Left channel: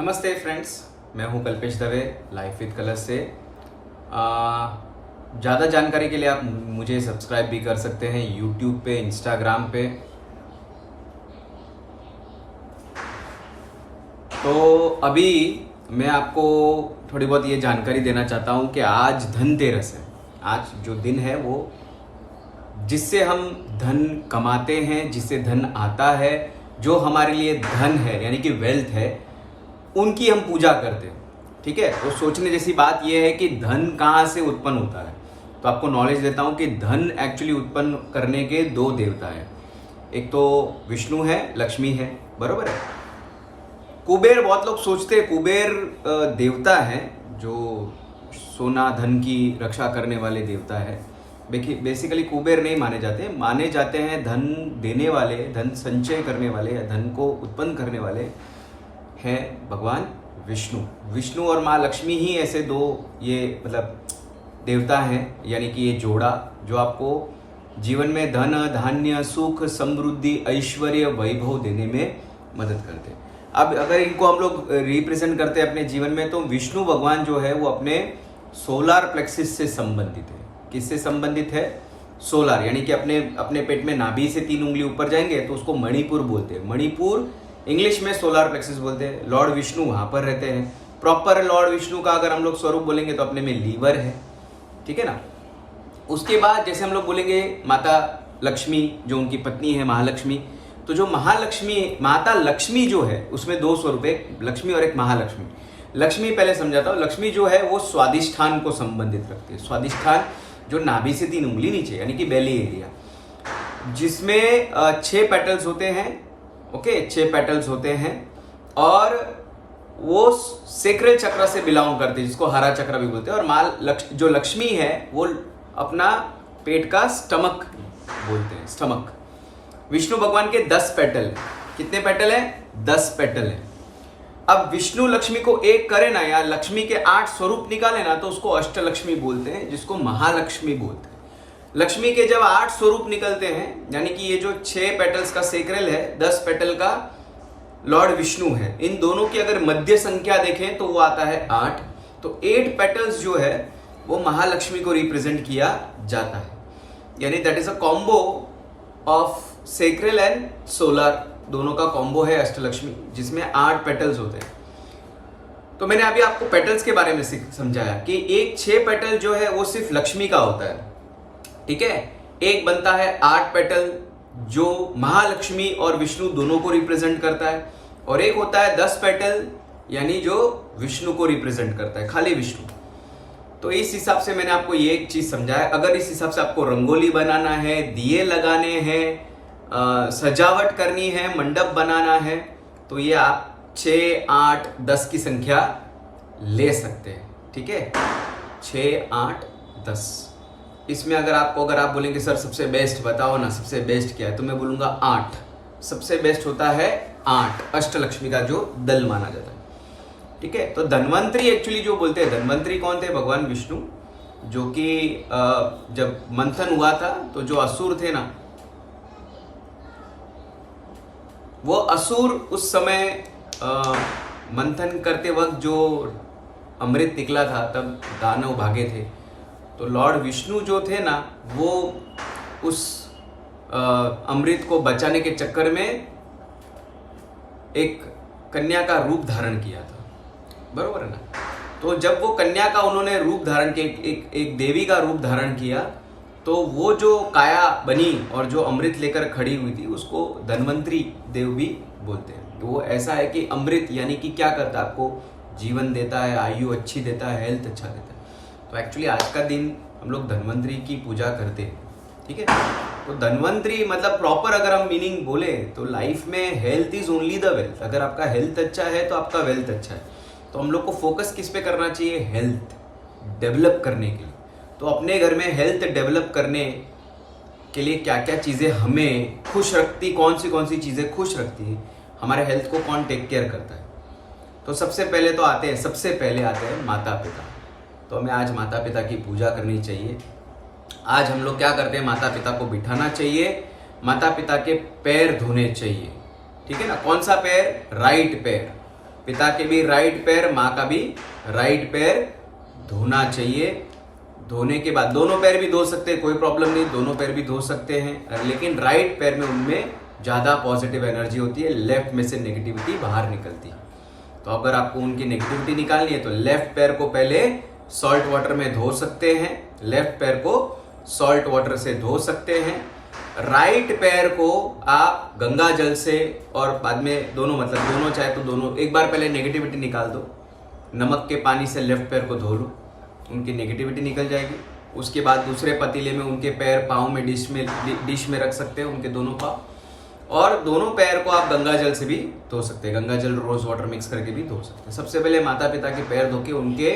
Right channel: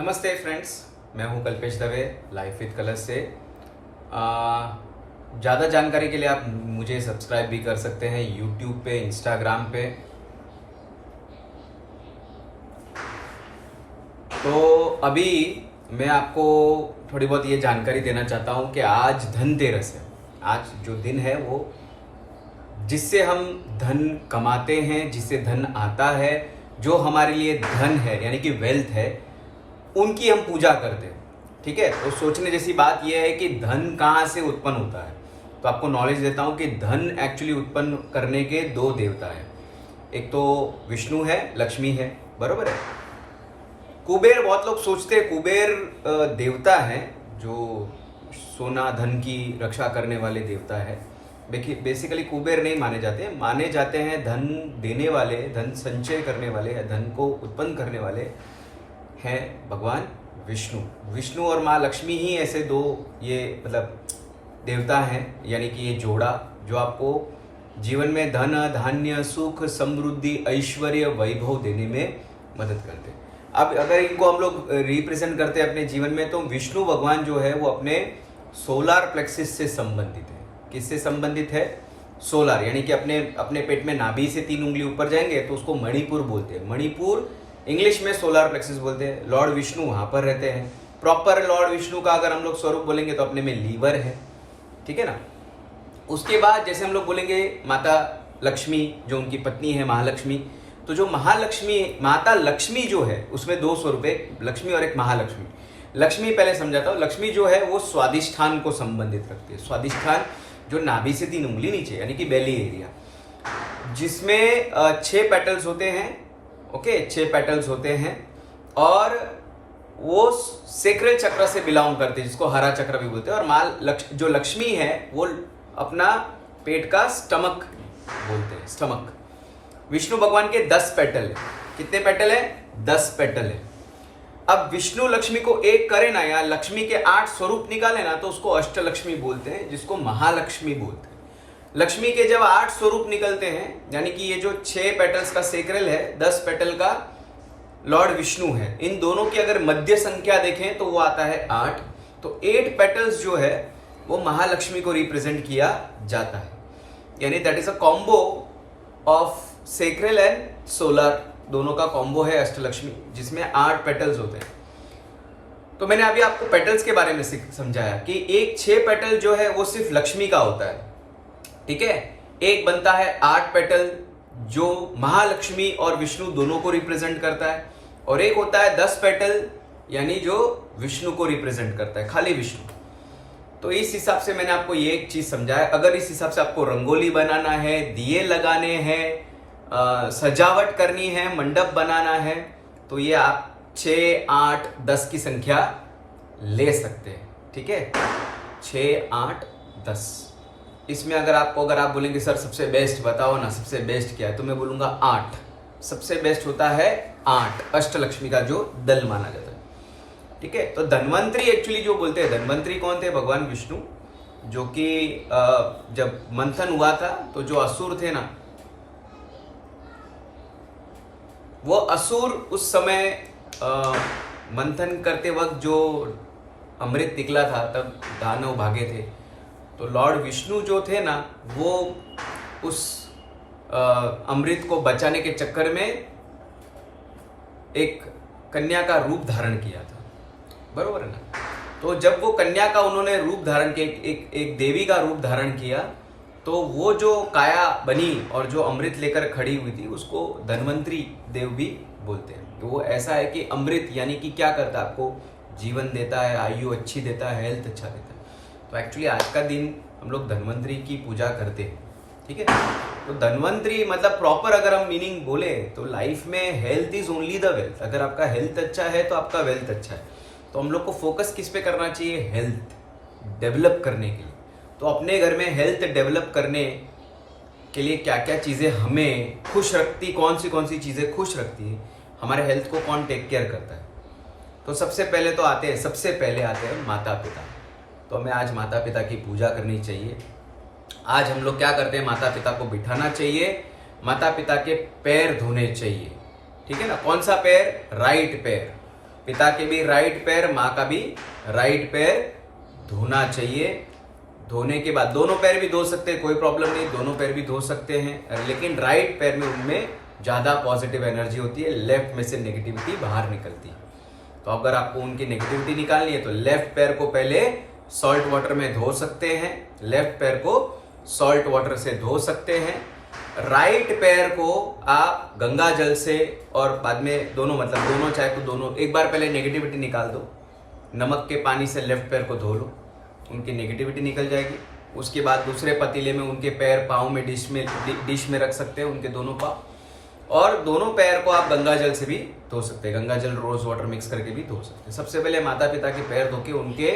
नमस्ते फ्रेंड्स, मैं हूं Kalpesh Dave life with colours से। ज़्यादा जानकारी के लिए आप मुझे सब्सक्राइब भी कर सकते हैं यूट्यूब पे, इंस्टाग्राम पे। तो अभी मैं आपको थोड़ी बहुत ये जानकारी देना चाहता हूं कि आज धनतेरस है। आज जो दिन है वो जिससे हम धन कमाते हैं, जिससे धन आता है, जो हमारे लिए धन है यानी कि वेल्थ है, उनकी हम पूजा करते हैं। ठीक है, तो सोचने जैसी बात यह है कि धन कहाँ से उत्पन्न होता है। तो आपको नॉलेज देता हूं कि धन एक्चुअली उत्पन्न करने के दो देवता है। एक तो विष्णु है, लक्ष्मी है, बरोबर है। कुबेर, बहुत लोग सोचते हैं कुबेर देवता है जो सोना धन की रक्षा करने वाले देवता है। बेसिकली कुबेर नहीं माने जाते हैं धन देने वाले, धन संचय करने वाले, धन को उत्पन्न करने वाले हैं भगवान विष्णु। विष्णु और माँ लक्ष्मी ही ऐसे दो ये मतलब देवता हैं, यानी कि ये जोड़ा जो आपको जीवन में धन, धान्य, सुख, समृद्धि, ऐश्वर्य, वैभव देने में मदद करते हैं। अब अगर इनको हम लोग रिप्रेजेंट करते हैं अपने जीवन में, तो विष्णु भगवान जो है वो अपने सोलार प्लेक्सिस से संबंधित है। किससे संबंधित है? सोलार, यानी कि अपने पेट में नाभि से 3 उंगली ऊपर जाएंगे तो उसको मणिपुर बोलते हैं। मणिपुर इंग्लिश में सोलार प्लेक्सिस बोलते हैं। लॉर्ड विष्णु वहां पर रहते हैं। प्रॉपर लॉर्ड विष्णु का अगर हम लोग स्वरूप बोलेंगे तो अपने में लीवर है, ठीक है ना। उसके बाद जैसे हम लोग बोलेंगे माता लक्ष्मी, जो उनकी पत्नी है महालक्ष्मी, तो जो महालक्ष्मी, माता लक्ष्मी जो है उसमें 2 स्वरूप है, लक्ष्मी और एक महालक्ष्मी। लक्ष्मी पहले समझाता हूं। लक्ष्मी जो है वो स्वादिष्ठान को संबंधित रखती है। स्वादिष्ठान जो नाभि से 3 उंगली नीचे, यानी कि बेली एरिया, जिसमें 6 पेटल्स होते हैं। ओके, 6 पेटल्स होते हैं और वो सेक्रेल चक्र से बिलोंग करते हैं, जिसको हरा चक्र भी बोलते हैं। और जो लक्ष्मी है वो अपना पेट का स्टमक बोलते हैं, स्टमक। विष्णु भगवान के 10 पेटल है। कितने पेटल है? 10 पेटल है। अब विष्णु लक्ष्मी को एक करे ना, या लक्ष्मी के 8 स्वरूप निकाले ना, तो उसको अष्टलक्ष्मी बोलते हैं, जिसको महालक्ष्मी बोलते हैं। लक्ष्मी के जब 8 स्वरूप निकलते हैं, यानी कि ये जो 6 पेटल्स का सेक्रेल है, 10 पेटल का लॉर्ड विष्णु है, इन दोनों की अगर मध्य संख्या देखें तो वो आता है 8। तो 8 पेटल्स जो है वो महालक्ष्मी को रिप्रेजेंट किया जाता है, यानी that is a combo of sacral and solar, दोनों का कॉम्बो है अष्टलक्ष्मी, जिसमें 8 पेटल्स होते हैं। तो मैंने अभी आपको पेटल्स के बारे में समझाया कि एक 6 पेटल जो है वो सिर्फ लक्ष्मी का होता है, ठीक है। एक बनता है 8 पेटल जो महालक्ष्मी और विष्णु दोनों को रिप्रेजेंट करता है, और एक होता है 10 पेटल, यानी जो विष्णु को रिप्रेजेंट करता है, खाली विष्णु। तो इस हिसाब से मैंने आपको ये एक चीज समझाया। अगर इस हिसाब से आपको रंगोली बनाना है, दिए लगाने हैं, सजावट करनी है, मंडप बनाना है, तो ये आप 6, 8, 10 की संख्या ले सकते हैं, ठीक है। 6, 8, 10। इसमें अगर आप बोलेंगे सर सबसे बेस्ट बताओ ना, सबसे बेस्ट क्या है, तो मैं बोलूंगा 8 सबसे बेस्ट होता है। 8 अष्टलक्ष्मी का जो दल माना जाता है, ठीक है। तो धन्वंतरी एक्चुअली जो बोलते हैं, धन्वंतरी कौन थे? भगवान विष्णु, जो कि जब मंथन हुआ था तो जो असुर थे ना, वो असुर उस समय मंथन करते वक्त जो अमृत निकला था, तब दानव भागे थे। तो लॉर्ड विष्णु जो थे ना, वो उस अमृत को बचाने के चक्कर में एक कन्या का रूप धारण किया था, बरोबर है ना। तो जब वो कन्या का उन्होंने रूप धारण किया, एक देवी का रूप धारण किया, तो वो जो काया बनी और जो अमृत लेकर खड़ी हुई थी, उसको धन्वंतरी देव भी बोलते हैं। तो वो ऐसा है कि अमृत यानी कि क्या करता है? आपको जीवन देता है, आयु अच्छी देता है, हेल्थ अच्छा देता है। तो एक्चुअली आज का दिन हम लोग धन्वंतरी की पूजा करते हैं, ठीक है। तो धन्वंतरी मतलब प्रॉपर अगर हम मीनिंग बोले तो लाइफ में health is only the wealth. अगर आपका हेल्थ अच्छा है तो आपका वेल्थ अच्छा है। तो हम लोग को फोकस किस पे करना चाहिए? हेल्थ डेवलप करने के लिए। तो अपने घर में हेल्थ डेवलप करने के लिए क्या क्या चीज़ें हमें खुश रखती, कौन सी चीज़ें खुश रखती है, हमारे हेल्थ को कौन टेक केयर करता है? तो सबसे पहले आते हैं माता पिता। तो हमें आज माता पिता की पूजा करनी चाहिए। आज हम लोग क्या करते हैं? माता पिता को बिठाना चाहिए, माता पिता के पैर धोने चाहिए, ठीक है ना। कौन सा पैर? राइट पैर। पिता के भी राइट पैर, माँ का भी राइट पैर धोना चाहिए। धोने के बाद दोनों पैर भी धो सकते हैं, कोई प्रॉब्लम नहीं, दोनों पैर भी धो सकते हैं, लेकिन राइट पैर में उनमें ज्यादा पॉजिटिव एनर्जी होती है, लेफ्ट में से नेगेटिविटी बाहर निकलती है। तो अगर आपको उनकी नेगेटिविटी निकालनी है तो लेफ्ट पैर को पहले सॉल्ट वाटर में धो सकते हैं, लेफ्ट पैर को सॉल्ट वाटर से धो सकते हैं। राइट पैर को आप गंगा जल से और बाद में दोनों चाहे तो दोनों, एक बार पहले नेगेटिविटी निकाल दो, नमक के पानी से लेफ्ट पैर को धो लो, उनकी नेगेटिविटी निकल जाएगी। उसके बाद दूसरे पतीले में उनके पैर पाँव में डिश में रख सकते हैं, उनके दोनों पाँव, और दोनों पैर को आप गंगा जल से भी धो सकते हैं, गंगा जल रोज वाटर मिक्स करके भी धो सकते हैं। सबसे पहले माता पिता के पैर धो के उनके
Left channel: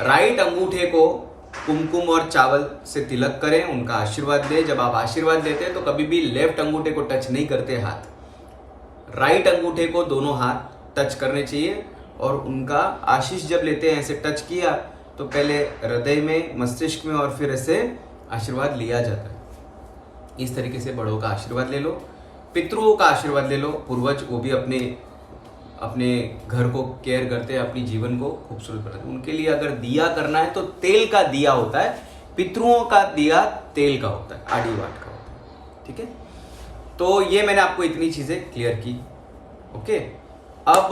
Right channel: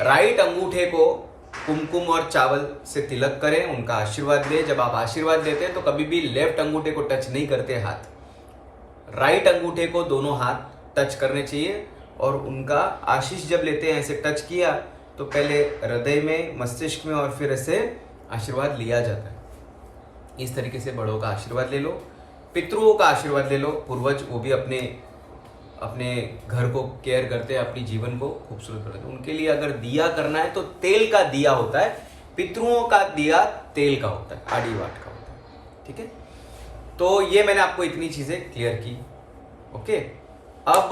राइट अंगूठे को कुमकुम और चावल से तिलक करें, उनका आशीर्वाद दें। जब आप आशीर्वाद देते हैं तो कभी भी लेफ्ट अंगूठे को टच नहीं करते हाथ, राइट अंगूठे को दोनों हाथ टच करने चाहिए। और उनका आशीष जब लेते हैं, ऐसे टच किया तो पहले हृदय में, मस्तिष्क में, और फिर ऐसे आशीर्वाद लिया जाता है। इस तरीके से बड़ों का आशीर्वाद ले लो, पितरुओं का आशीर्वाद ले लो। पूर्वज वो भी अपने घर को केयर करते हैं, अपनी जीवन को खूबसूरत बनाते हैं। उनके लिए अगर दिया करना है तो तेल का दिया होता है, पितरुओं का दिया तेल का होता है, आड़ी वाट का होता है। ठीक है, तो ये मैंने आपको इतनी चीजें क्लियर की। ओके, अब